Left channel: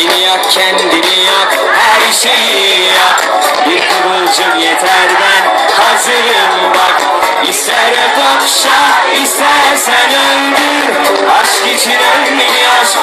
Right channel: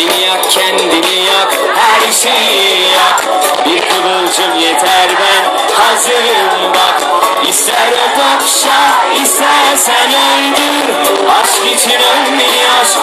Beni yak kendini yak her şeyi yak. Bir kıvılcım yeter ben hazırım bak. İster öp akşam istersen öldür. Aşk için ölmeyi aşk